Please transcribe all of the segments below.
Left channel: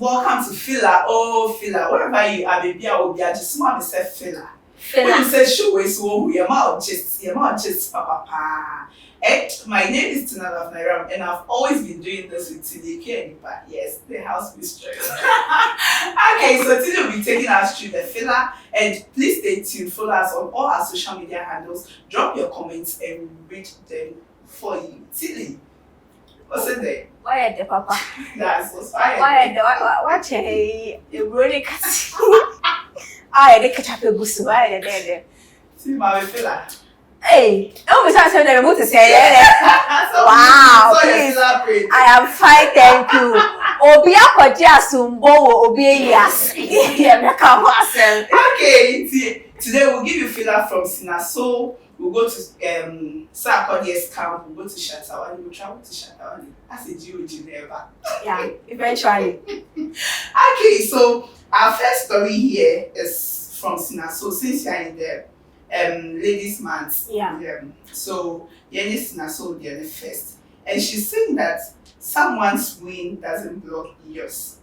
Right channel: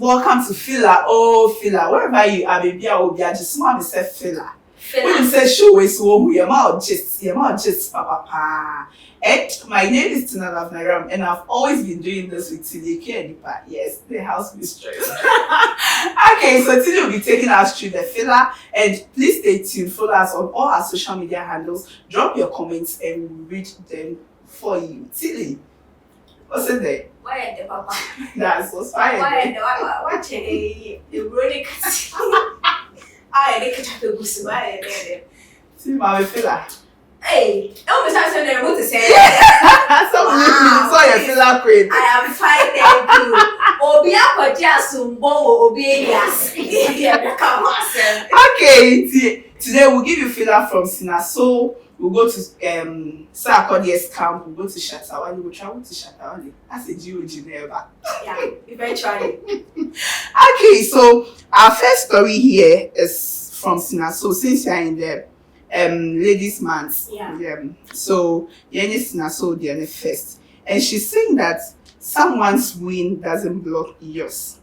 welcome to Fila. Oh, Fila. Wherever you are, baby, I will be. I just want to say Fila. When you say show is so your mouth just papa. And my name is Tina Love Nairam, and I've always been doing this with Tilike and Ipa. Yes, the house mistress. Okay, so Tilly will be taking us through the filler, and please stay tuned. Follow us on all our social media handles. Drop your comments and we read them for you. Tilly, what's it there? Why the papa? That's what's fine. What a really I didn't catch up a goose. Why there? See my filler. Hey, don't be saying that what to say. Wow, so your filler print. I am fine, thank you. Obi akoja sumbo, obi yes. Okay, today we'll give you filler from Sinaso. We'll go to Sarkodie's camp. We'll go to Shatta Wale. We'll travel to Shatta Wale. That's a GOG never. Yeah, eventually. Okay, so our first story here is from Sinaso. Since you're in the ladies' month, so Sinaso the other first, and she's saying that someone's win doesn't block yours.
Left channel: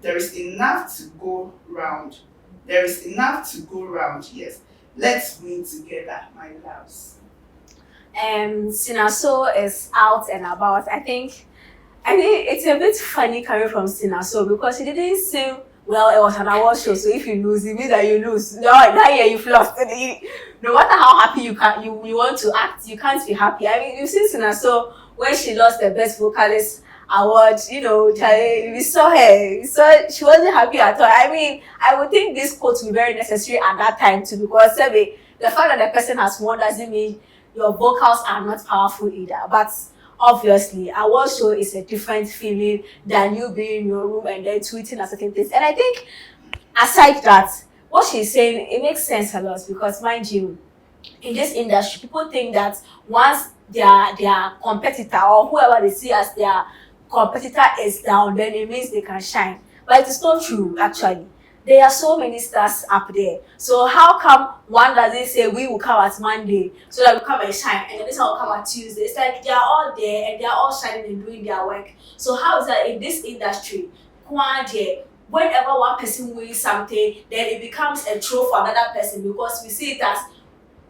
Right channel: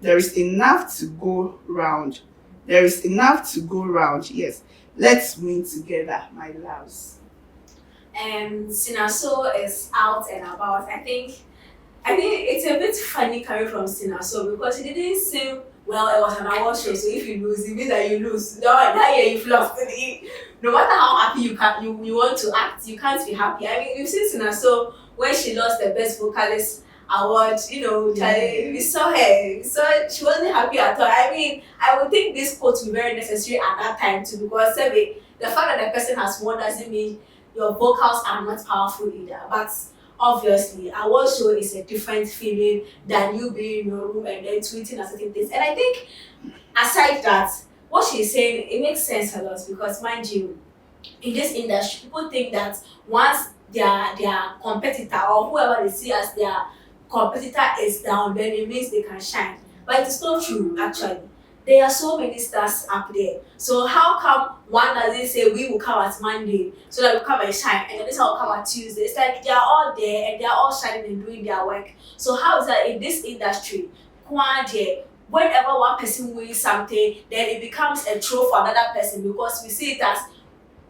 There is enough to go round. There is enough to go round. Yes. Let's win together, my loves. Sinaso is out and about. I think it's a bit funny coming from Sinaso because it didn't seem well. It was an award show, so if you lose, it means that you lose. No, that year you've lost. No matter how happy you want to act, you can't be happy. I mean, you've seen Sinaso when she lost the best vocalist award, we saw her. She wasn't happy at all. I mean, I would think this quote would be very necessary at that time too, because the fact that the person has won doesn't mean your vocals are not powerful either. But obviously, award show is a different feeling than you being in your room and then tweeting at certain things. And I think, aside that, what she's saying, it makes sense a lot because, mind you, in this industry, people think that once their competitor or whoever they see as their competitor is down, then it means they can shine. But it is not true, actually. There are so many stars up there. So how come one doesn't say we will come at Monday so that we come and shine, and then this one will come at Tuesday? It's like they are all there and they are all shining and doing their work. So how is that in this industry? Whenever one person wins something, then it becomes a trophy for another person because we see it as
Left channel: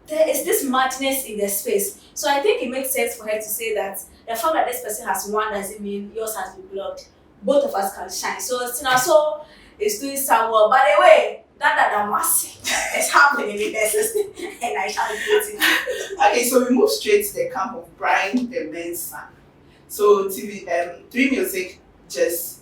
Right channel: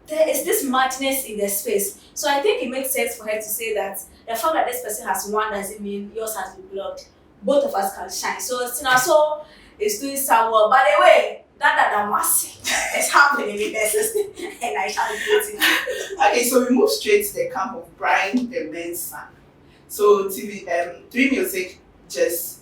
there is this madness in the space. So I think it makes sense for her to say that the fact that this person has won doesn't mean yours has been blocked. Both of us can shine. So Sinaso is doing so well. By the way, that massive is happening in the system, and I shall do it. Okay, so we move straight to the camp of Brian, the men's son. So Three Music just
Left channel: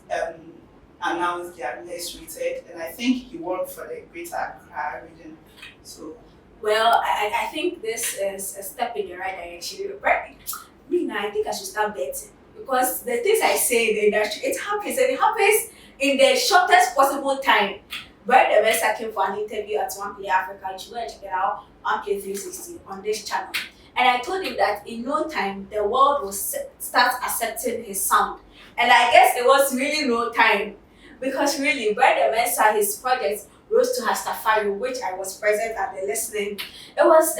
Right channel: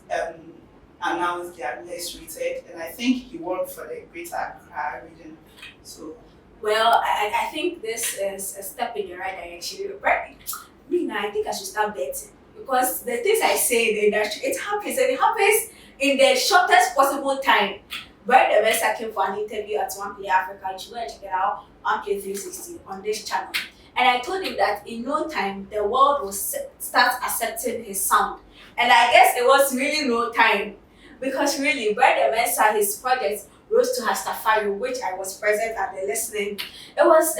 announced they are less rated, and I think he won for the Greater Accra region. So. Well, I think this is a step in the right direction. Right? I think I should start betting because the things I say in the industry, it happens and it happens in the shortest possible time. Brian the Mesa came for an interview at OnePlay Africa. You should go and check it out, OnePlay 360 on this channel. And I told him that in no time the world will start accepting his sound. And I guess it was really no time because really Brian the Mesa, his project Rose to Hastafari, which I was present at the listening. It was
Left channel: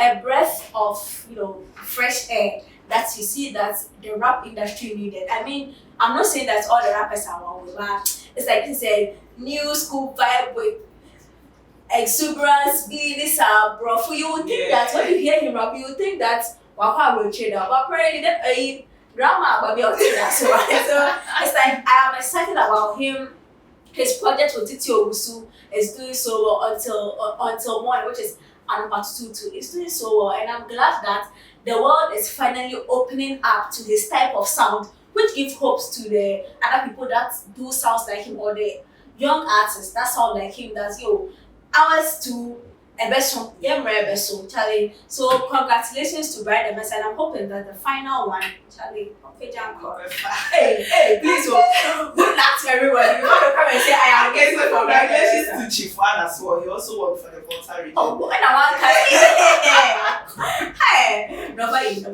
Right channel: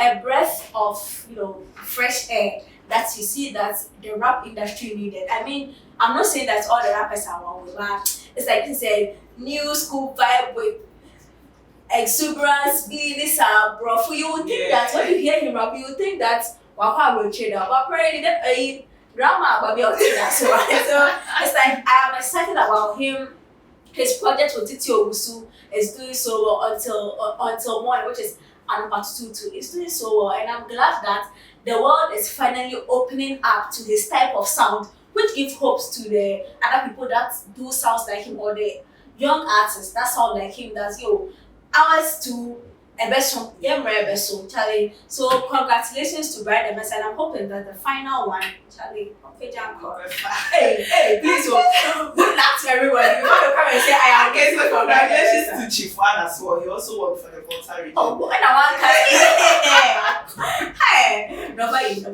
a breath of fresh air that you see that the rap industry needed. I mean, I'm not saying that all the rappers are one way, but it's like it's a new school vibe with exuberance, this bro. You would think that when you hear him rap, you would think that Waka will trade out, but apparently that drama but so it's like I am excited about him. His project with Titi Owusu is doing so well until morning, which is number 2 too. It's doing so well, and I'm glad that the world is finally opening up to his type of sound, which gives hopes to the other people that do sounds like him or the young artists that sound like him. That's ours to a best song, Charlie. So congratulations to Brian the Mesa, and I'm hoping that the final one, Charlie. Hey, please, good luck to everybody. You want to come and say I am getting so congratulations to Chief One as well. He also won for the Volta region. Oh, and I want to hey, nobody.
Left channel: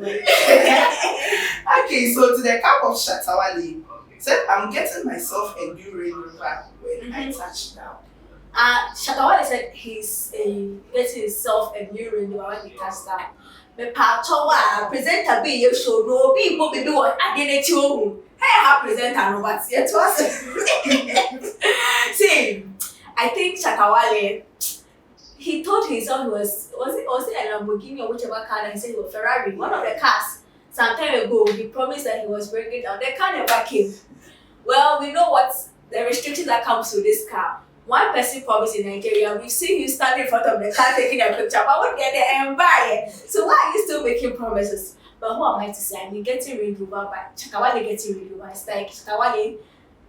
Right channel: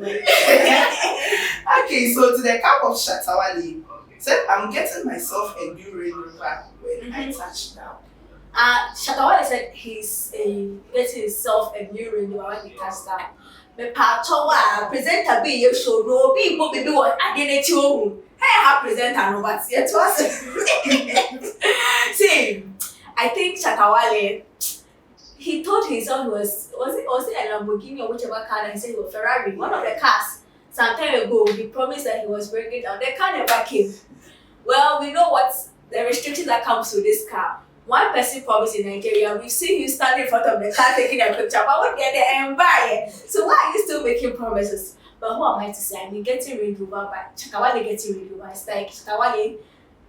Okay, so to the camp of Shatta Wale, said I'm getting myself a new Range Rover when I touch down. Shatta Wale said he's getting himself a new Range Rover when he touched down. Me pachowa presenter be you show no people be what identity home. Hey, I presenter no but yet was. See, I think Shatta Wale, he told himself he was it a Lamborghini or whichever car that he said it was Ferrari, one of the cars. Some time ago, he promised that he was bringing down. The car never came. Well, we know what the restrictions that comes with this car. One person promised in Nigeria, we've seen you standing in front of the car taking a picture, but what get there and buy it? So why are you still making promises? But who am I to say? I mean, getting Range Rover, but Shatta Wale getting Range Rover. It's like Shatta Wale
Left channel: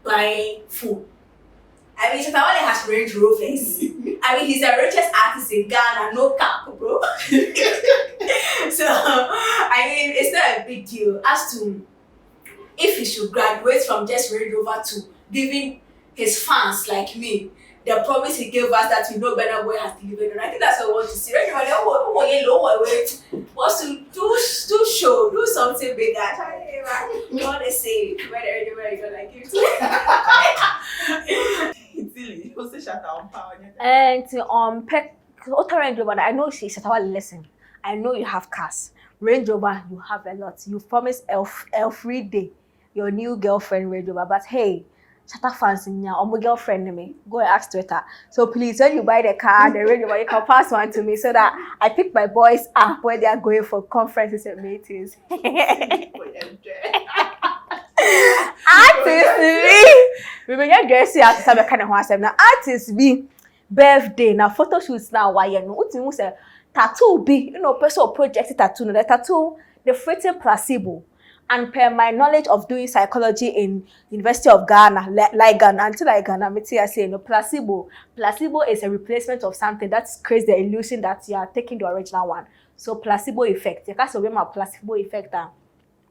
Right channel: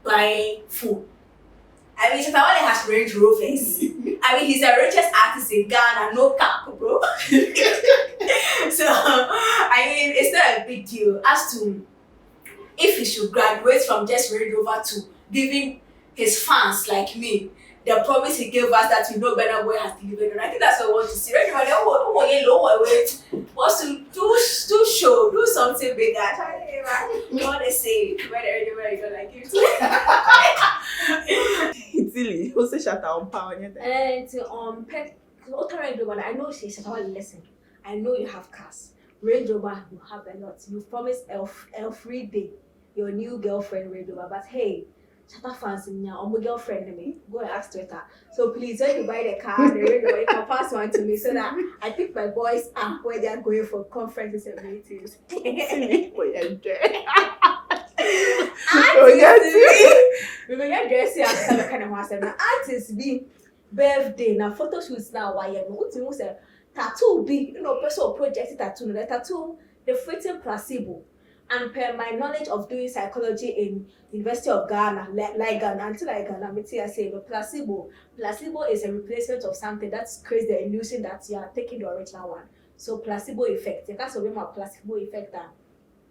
buying food. I mean, Shatta Wale has Range Rovers. I mean, he's the richest artist in Ghana, no cap, bro. So, I mean, it's not a big deal as to if he should graduate from just Range Rover to giving his fans like me the promise he gave us that we know better where has delivered. And I think that's what we want to see. Range Rover wants to do show, do something bigger. You want to say whether you don't like it. It's silly. What's the Shatta on power? And Pet Range Rover, I know she's Shatta Wale, listen. I know you have cars. Range Rover, you have a lot. You promised every day your new girlfriend Range Rover, but hey, Shatta fans in your my girlfriend me. Go and ask Twitter. So please, when you buy the car, the Range Rover, you can pass one to me so that I pick my boys up when they are going for conferences and meetings. Remember, dressing as some kind of one. Now, artists be birthday, now photo shoots now. Why you know? What you say? Tattoo be, you know, personal project tattoo. No, the tattoo, the fitting placebo. And per my knowledge of doing psychology in University of Ghana, like Ghana, until I Ghana, I say no placebo. Placebo is a replacement of something that creates the illusion that you are taking the original one. So placebo effect. You can't say my placebo effect.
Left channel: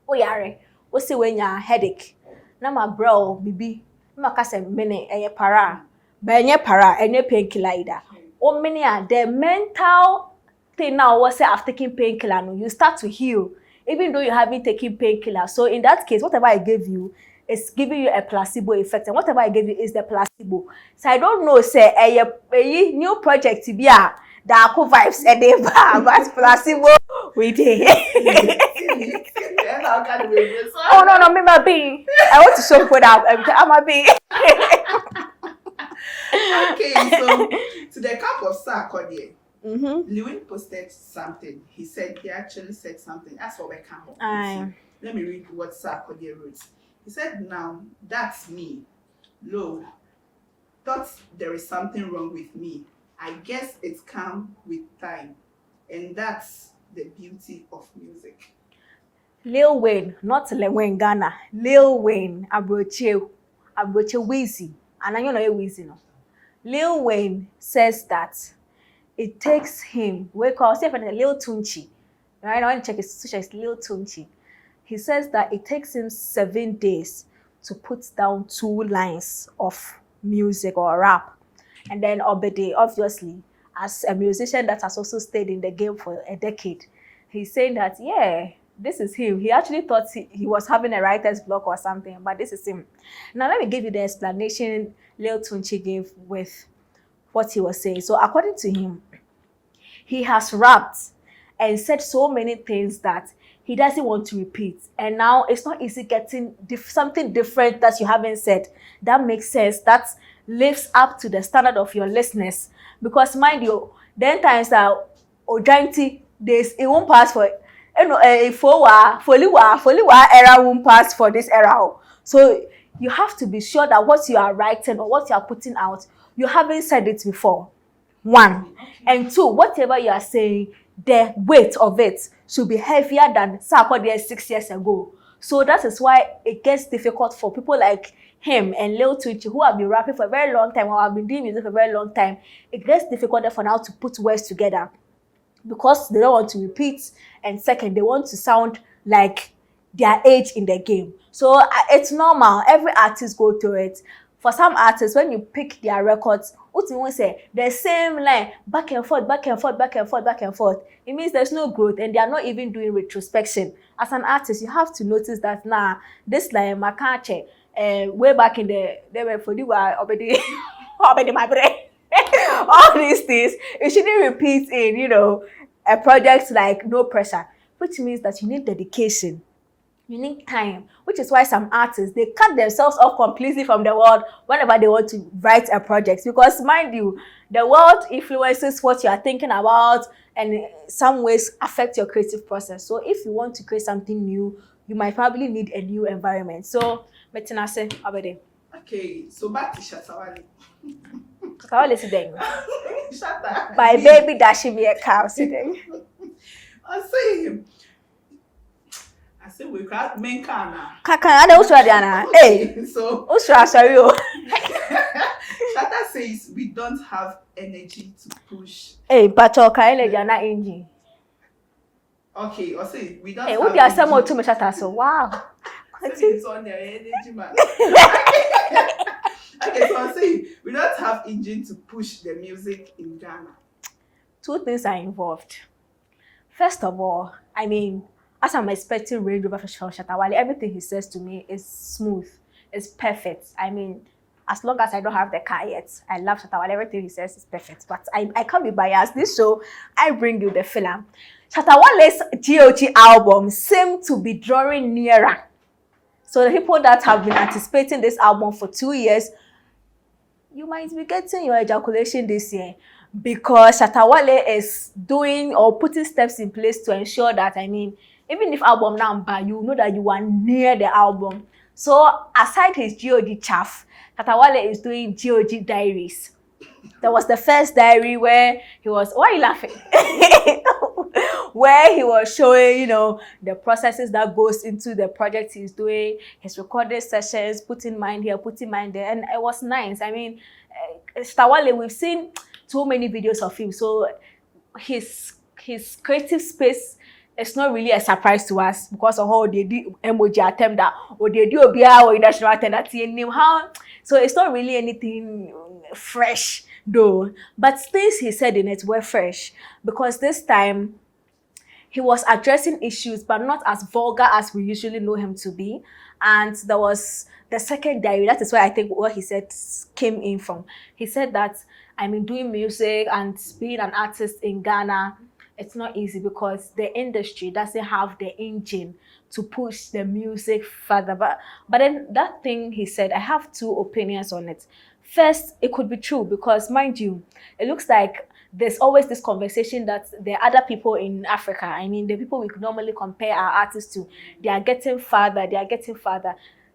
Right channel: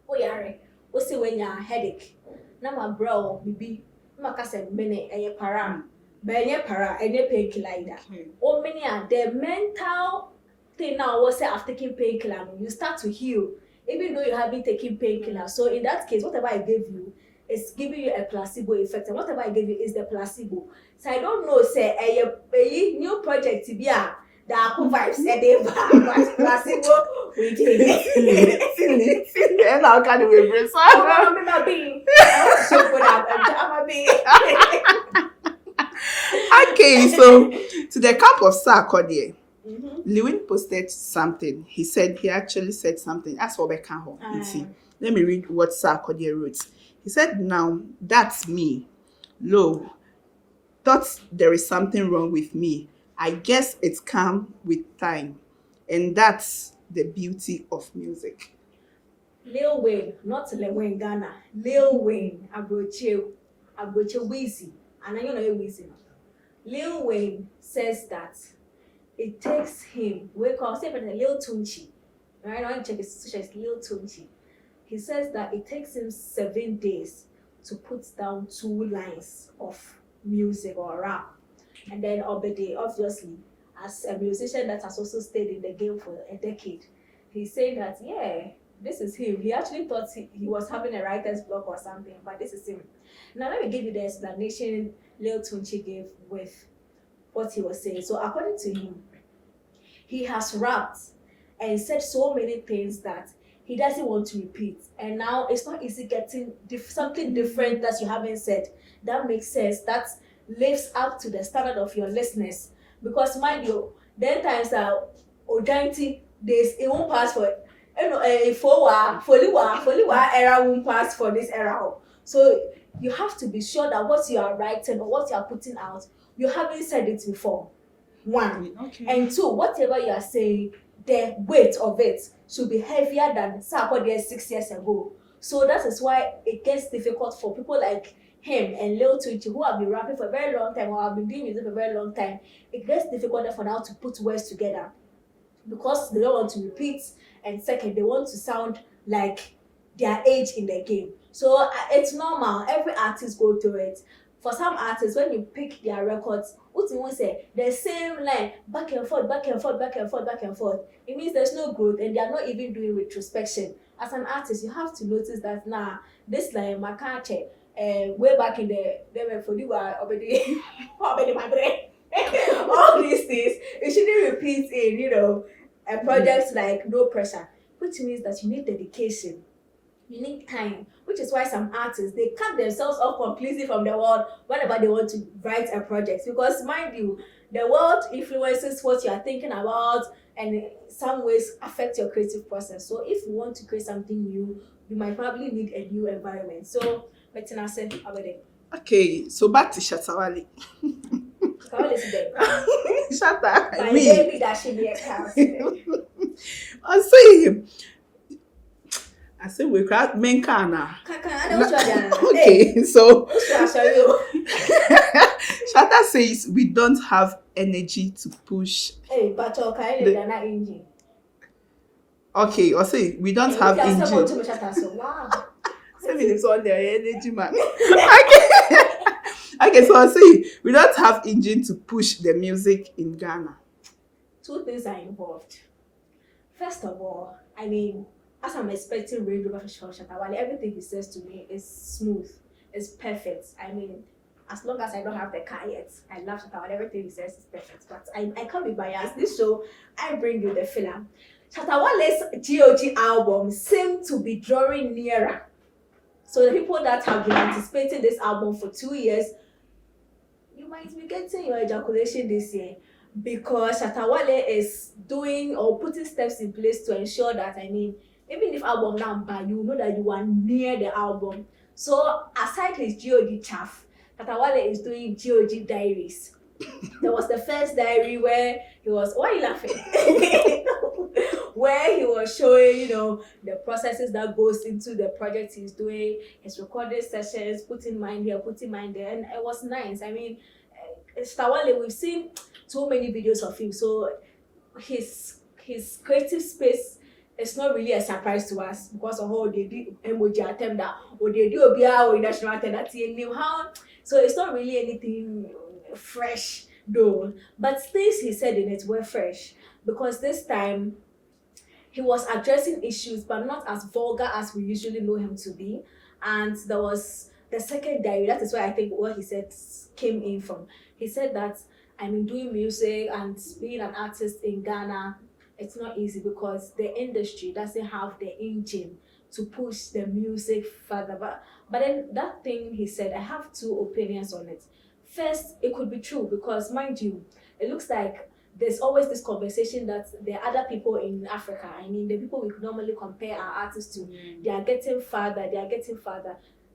Oh yeah, we say when you headache. Na my bro, bibi. Na kase mene eye para. Benye para, enye painkiller either. O many are the mental thing now. Was say after taking painkiller, no, you start to heal. Even though you haven't taken painkiller. So in that case, whatever I gave you is giving you a placebo effect. And whatever I gave you is the placebo. So I don't know, say, a new project to be a dark vibes and they but placebo we did. And how can we be? Oh, no, me my being. I want to show for that. I'm a being. Okay, so to the camp of Sarkodie. Lewin posted something. He actually said something. As for Becca home. Let me read what Sarkodie wrote. He said, now that's me. Lo, thought there is something wrong with me. I guess it's come with time. And that's the beauty of music. Lil Wayne, not Lil Wayne Ghana. Lil Wayne, Abroche Weezy. And I know Weezy no. Lil Wayne says that it takes him, we call it a Lil Tunchi. Right now, I check his social, it's Lil Tunchi. He says that it takes him 7 days to put down 2 lines of music or rap. And then Obede, obviously, as a musician that has also stayed in the game for a decade, he's saying that, yeah, this is him. He actually thought he was having a writer's block or something, but this is him. Now, let me give you the explanation Lil Tunchi gave with what he was saying. So according to him, he has rapped and said so many things that he doesn't want to repeat. And now it's not easy getting something different that you haven't said. That makes sense. That lives up to the standard of your listeners. Because mind you, then times that Ojanti days, it won't pass for Foliwa era won't pass for this era. So you have to be sure that what you are writing or what you are putting out, you haven't said it before. 1. Okay. And 2, whatever you are saying, the weight of it should be heavier than Sarkodie 6 years ago. So that is why it gets difficult for people like him and Lil Tunchi who have been rapping for a very long time or have been doing music for a very long time. It gets difficult for now to put words together because they don't want to repeat, and second, they want to sound like their age in the game. So it's normal. Every artist go through it. For some artists, when you pick their records, what you want to say, the same line, back and forth, back and forth, back and forth, back and forth. It means there's no growth and they are not even doing retrospection. As an artist, you have to notice that, this line, my can't way back in the for you are already my brain. All these things, it shouldn't repeat in, a project like No Pressure. which means that you need dedication. You need time, which is why some artists, they cut themselves off completely from the world whenever they want to write a project. Because mind you, the world influences what you are thinking about and in some ways affect your creative process. So if you want to create something new, you might probably need a new environment. So, Metinase, Abede. Okay, so back to Shatta Wale. Shatta Wale is there. Shatta. My baby dashing me a cow today. I say we crack men kana. Kakana, I don't Diana. Okay, so sorry. Shatta says we don't have energy to push. Hey, but okay, you're not engine. Okay, or say we don't have energy. energy. Too much Shatta, so wow. 7 minutes on their energy, man. Okay, so I say we don't have engine to push the music in Ghana. Two things are involved. First of all, I mean, as I'm expecting Range Rover from Shatta Wale, everything he says to me is smooth, it's perfect. I mean, as long as I don't have the car yet, I love Shatta Wale. Everything he says is perfect. But I can't be biased. This show, I bring you the film. Shatta Wale's GOG album seemed to be drawing nearer. So the people that have been anticipating this album for 2 years, you might be getting your ejaculation this year. Because Shatta Wale is doing or putting steps in place to ensure that, I mean, even if album number, you know that you are near the album. So aside his GOG chaff, Shatta Wale is doing GOG diaries. There was the first diary where he was, why are you laughing? Where he was showing, you know, the processes that goes into the project he's doing, his recording sessions, putting mind here, putting mind there, and it was nice. I mean, Shatta Wale, we've seen so many videos of him, so his creative space is not really a surprise to us because of how they did emoji attempt that or they do obia or national attempt that he knew how. So it's not really anything fresh though, but things he said in it were fresh because this time he was addressing issues but not as vulgar as we usually know him to be. And there was the second diary. That is where I think what he said came in from. He said that, I mean, doing music and being an artist in Ghana, it's not easy because the industry doesn't have the engine to push the music further. But then that thing he said, I have two opinions on it. First, it could be true because, mind you, it looks like there's always this conversation that there are other people in Africa, I mean, the people we could normally compare our artists to, they are getting farther.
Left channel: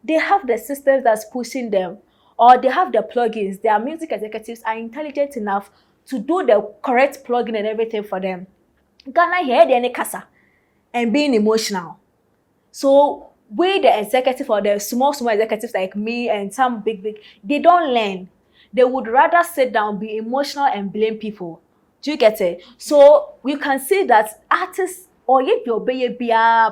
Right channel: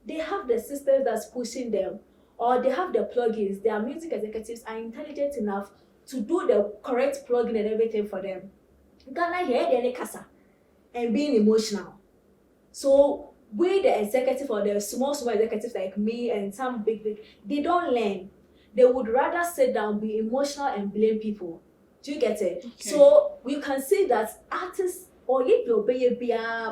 They have the systems that's pushing them, or they have the plugins. Their music executives are intelligent enough to do the correct plugin and everything for them. Ghana here, they're in casa and being emotional. So we, the executive or the small executives like me and some big, they don't learn. They would rather sit down, be emotional and blame people. Do you get it? Okay. So we can see that artists, or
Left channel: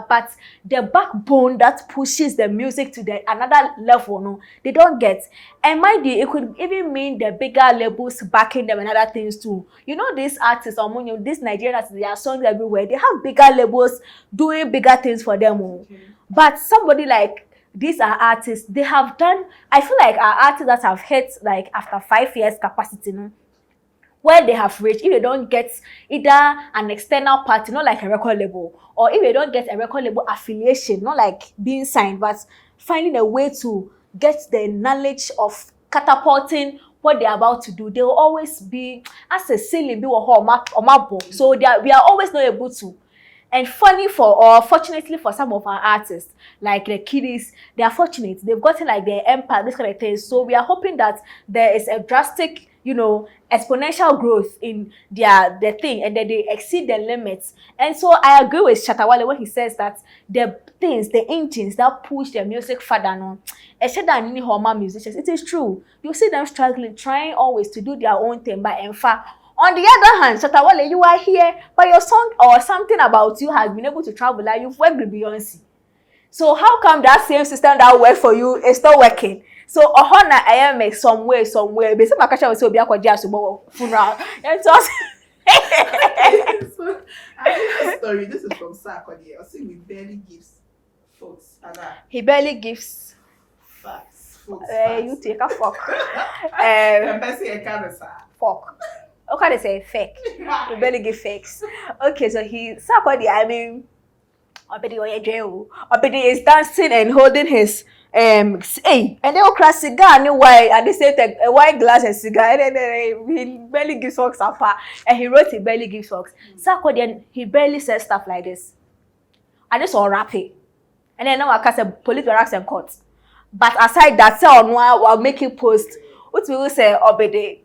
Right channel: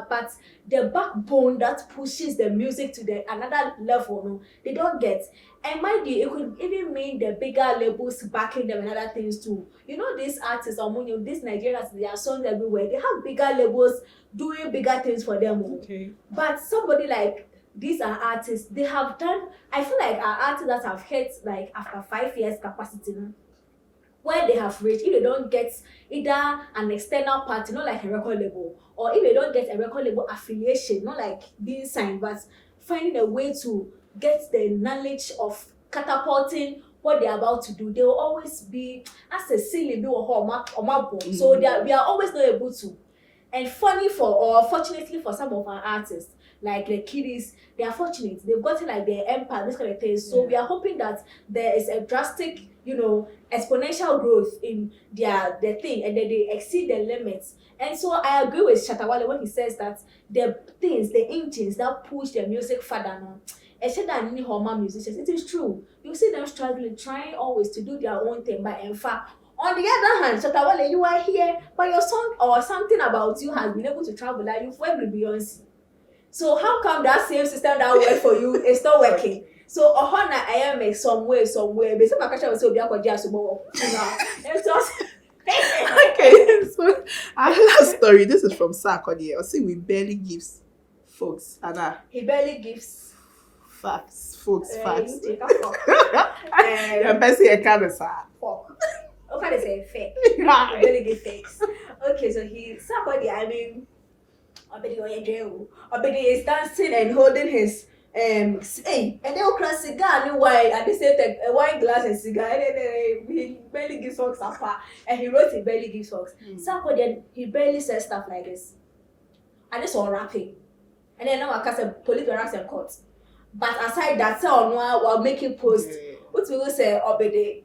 but the backbone that pushes the music to another level, no, they don't get. And mind you, it could even mean the bigger labels backing them and other things too. You know, these artists, or these Nigerian artists, they are songs everywhere. They have bigger labels doing bigger things for them. Okay. But somebody like these are artists, they have done, I feel like our artists that have hit like after 5 years capacity, no? Where they have reached, if they don't get either an external party, not like a record label, or if they don't get a record label affiliation, not like being signed, but finding a way to get the knowledge of catapulting what they're about to do, they will always be as a silly bill or map. So we are always not able to. And fortunately for some of our artists, like the kiddies, they are fortunate. They've gotten like their empire, this kind of thing. So we are hoping that there is a drastic, exponential growth in their thing, and that they exceed the limits. And so I agree with Shatta Wale when he says that the engines that push the music further on, especially than musicians, it is true. You see them struggling, trying always to do their own thing, but in fact, on the other hand, Shatta Wale, you are here, but your song or something about you has been able to travel, like you've worked with Beyonce. So how come that same system that worked for you is not working? So Ohana I am somewhere. But some Akasha will be a jazz funeral. And so so I heard a story. This is from Sarkodie. I see we barely gives folks. Anna. He barely gives facts. Folks. You take a fuck. Fuck. Okay, they say fake. He barely give fakes. Okay, so Sarkodie, I mean, Obedi is dancing and holding his and then okra cigar and wine at the same time a wine glass and cigar and then he barely gives hugs apart and he wrote he barely gives hugs. Sarkodie he barely says stuff like this. I just saw rapping. And then now I can say police barracks and courts. But aside that, say on while making posts, what we will say Obedi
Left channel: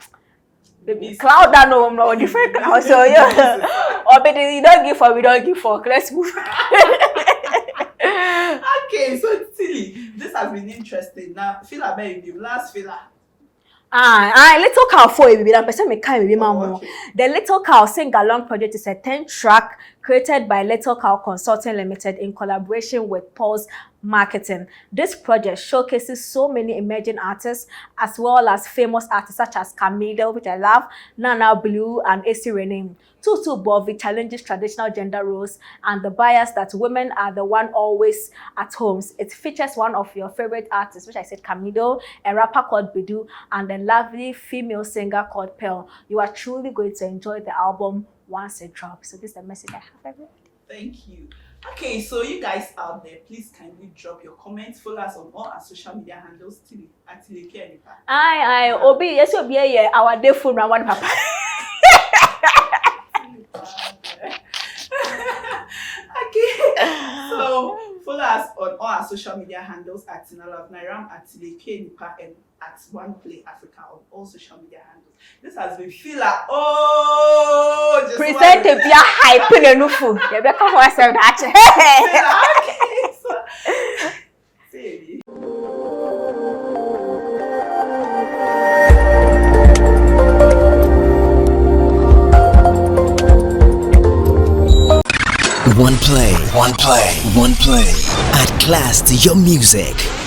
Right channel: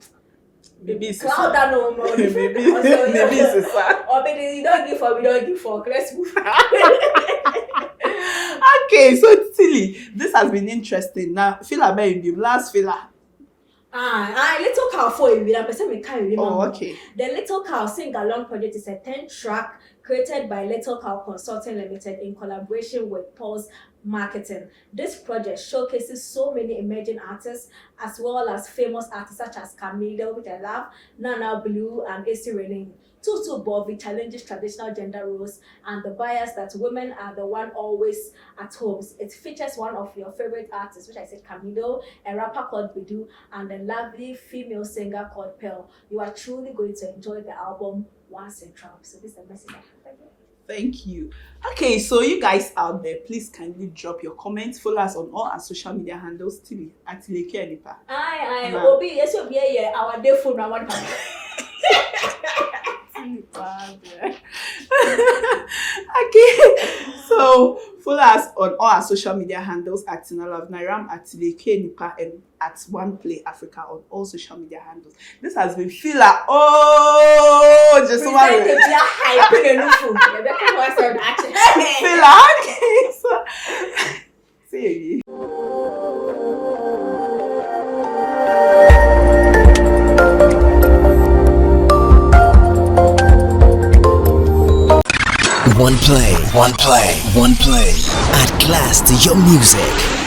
cloud down no different. So yeah, Obedi you don't give for we don't give for. Let's move. Okay, so Tilly, this has been interesting. Now, filler baby, last filler. Little Cow 4 baby, that person me kind baby mama. Okay. The Little Cow Sing Along project is a 10-track created by Little Cow Consulting Limited in collaboration with Pulse Marketing. This project showcases so many emerging artists as well as famous artists such as Camille, which I love, Nana Blue, and AC Renee. Tutu Bovi challenges traditional gender roles and the bias that women are the one always at homes. It features one of your favorite artists, which I said Camille, a rapper called Bidu, and a lovely female singer called Pearl. You are truly going to enjoy the album once it drops. So this is the message I have. Thank you. Okay, so you guys out there, please kindly drop your comments. Follow us on all our social media handles. Tilly at Tileke Enipa. Aye, Obi, yes, Obi, yeah, our day food, Ramon Papa. Okay, so follow us on all our social media handles at Tina Love Nairam, at Tileke Enipa, and at OnePlay Africa on all social media handles. This has been Fila. Oh, just present a beer hype in a new food. You better watch that. Okay, so see you. OnePlay. At class to your music.